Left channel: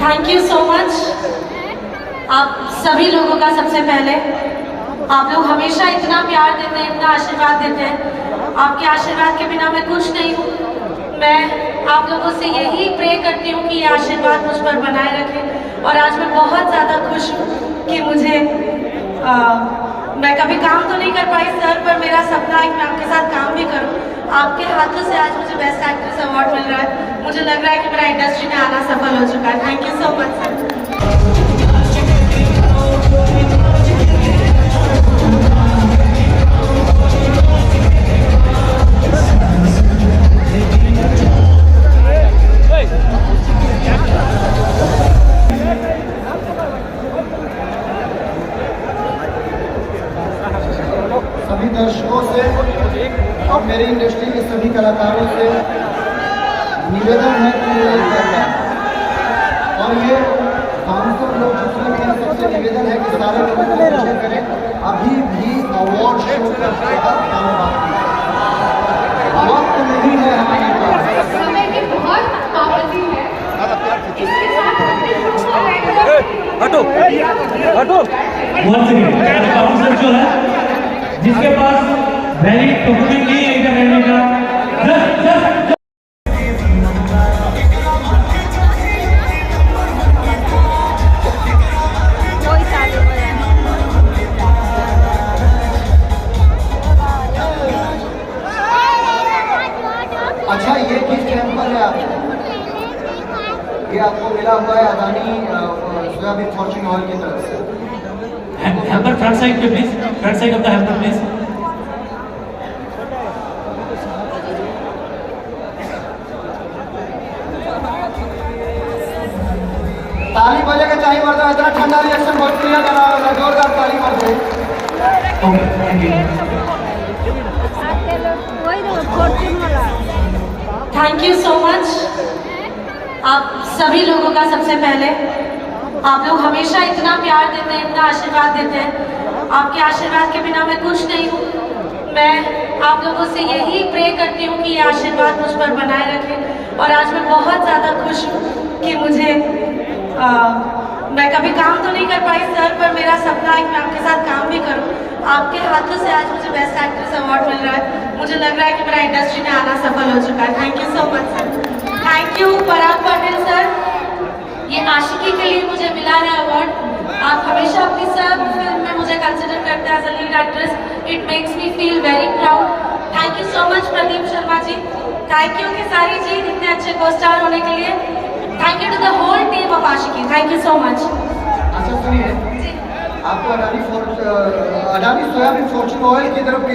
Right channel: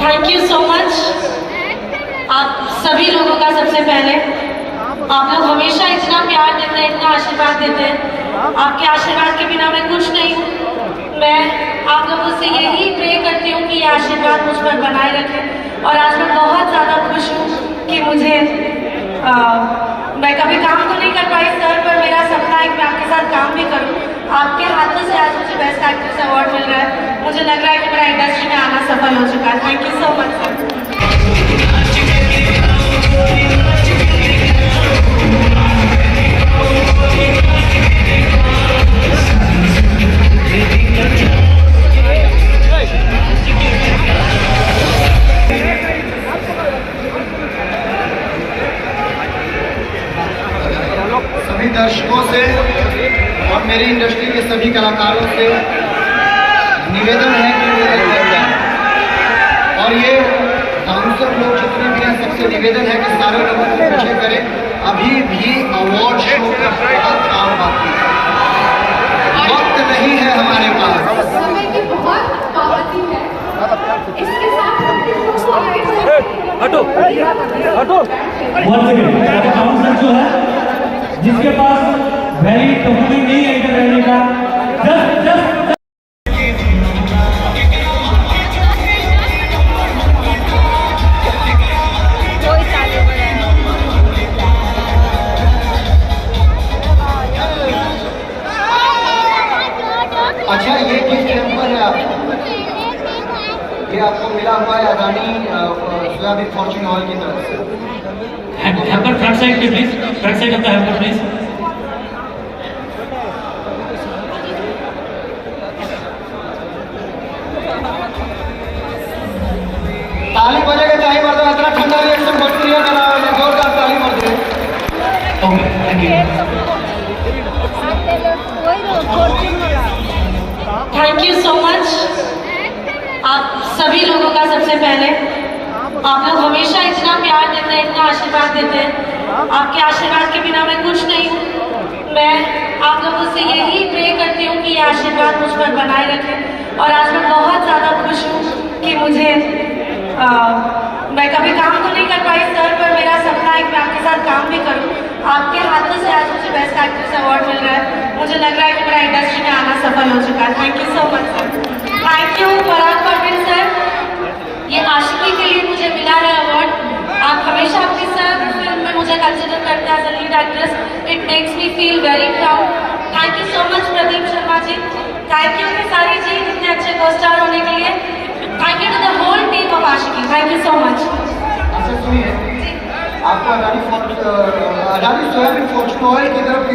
Thank you so much आप सभी लोगों का। सबसे पहले आप लोग हमेशा इतना प्यार देते हैं, इतना आशीर्वाद देते हैं। आपके आशीर्वाद के बिना मैं कुछ नहीं हूँ। मैं आप लोगों से यही प्रे करती हूँ कि ये आशीर्वाद मुझ पर बनाए रखें। और आज मैं बहुत ज़्यादा खुश हूँ कि मुझे मैं कभी काम तो नहीं कर पाई सर, पर मेरा सपना है कि मैं आपके साथ काम भी करूँ। आपके हाथों से आज मुझे बेस्ट एक्ट्रेस अवार्ड मिल रहा है। मुझे लग रहा है कि मेरा इंडस्ट्री में आना सफल हो चुका है। Thank you so much sir. सभी दर्शकों से और मेरी इंडस्ट्री के सभी कलाकारों से निवेदन है कि ये और ये डांसर लोग जितने भी हैं सबसे निवेदन है कि सारे लोगों को पीछे करें। अभी भी अवार्ड शो का बहुत काम बाकी है, वक्त नहीं है हमारे पास, समय की बहुत पाबंदी है। इसके साथ हटो काउंसलर जो है जिसके पास वैलिड डॉक्यूमेंट नहीं है इधर रहने का, अच्छा ये गिफ्ट हैम्पर है आपका, ये आपको मिला हुआ है अदानी सोयाबीन फॉर्चून ऑयल की तरफ से। हैम्पर फ्रंट साइड पे please, front side of the hamper please. ताली बजेगा ताली मार दो, इतना ठंडा रिएक्शन बढ़िया करा है, जोरदार ताली मार दो। Okay thank you. Thank you so much आप सभी लोगों का। सबसे पहले आप लोग हमेशा इतना प्यार देते हैं, इतना आशीर्वाद देते हैं। आपके आशीर्वाद के बिना मैं कुछ नहीं हूँ। मैं आप लोगों से यही प्रे करती हूँ कि ये आशीर्वाद मुझ पर बनाए रखें। और आज मैं बहुत ज़्यादा खुश हूँ कि मुझे मैं कभी काम तो नहीं कर पाई सर, पर मेरा सपना है कि मैं आपके साथ काम भी करूँ। आपके हाथों से आज मुझे बेस्ट एक्ट्रेस अवार्ड मिल रहा है। मुझे लग रहा है कि मेरा इंडस्ट्री में आना सफल हो चुका है। Thank you so much sir. Thank you Parag Patil sir, ये आशिकी के लिए मुझे मिला है अवार्ड। आप हमेशा अपनी सब फिल्म में मुझे कंसिडर करते हैं as a lead actress. It makes me feel very proud. Thank you so much Pradeep Sharma ji. Thank you Khesari ji इतने अच्छे को स्टार होने के लिए। Thank you to the whole team of Aashiqui. Thank you so much. अच्छा सुनिए, आपको अदानी सोयाबीन फॉर्चून ऑयल की तरफ से